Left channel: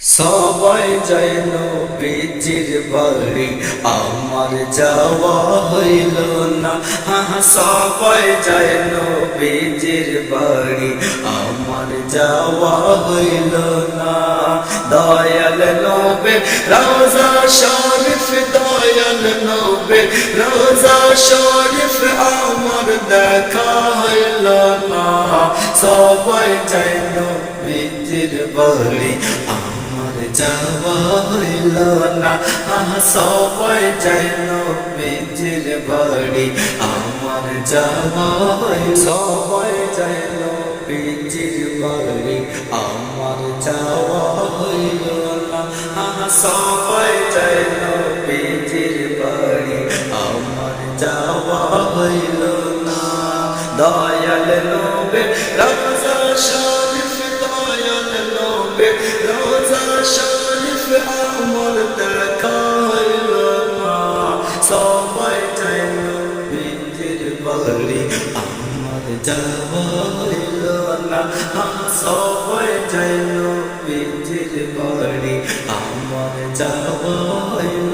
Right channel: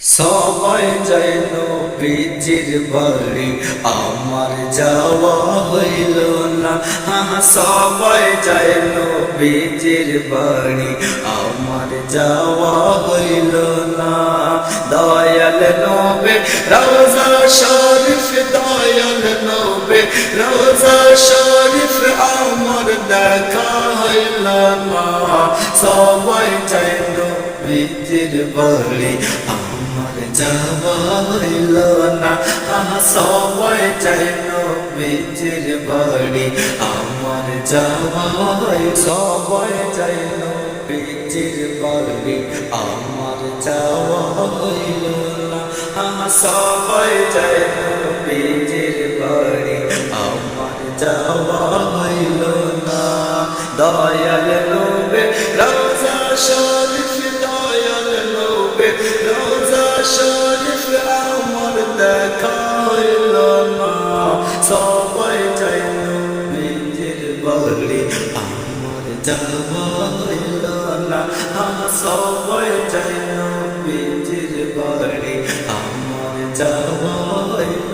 সবাই যায় নবীজির বাড়ি, আমার যাওয়া হইল না। সবাই যায় নবীজির বাড়ি, আমার যাওয়া হইল না। দয়াল নবী রওজা শরীফ, দয়াল নবী রওজা শরীফ, আমার দেখা হইল না। সবাই যায় নবীজির বাড়ি, আমার যাওয়া হইল না। সবাই যায় নবীজির বাড়ি, আমার যাওয়া হইল। সবাই যায় নবীজির বাড়ি, আমার যাওয়া হইল না। সবাই যায় নবীজির বাড়ি, আমার যাওয়া হইল না। দয়াল নবী রওজা শরীফ, দয়াল নবী রওজা শরীফ, আমার দেখা হইল না। সবাই যায় নবীজির বাড়ি, আমার যাওয়া হইল না। সবাই যায় নবীজির বাড়ি, আমার যাওয়া হইল।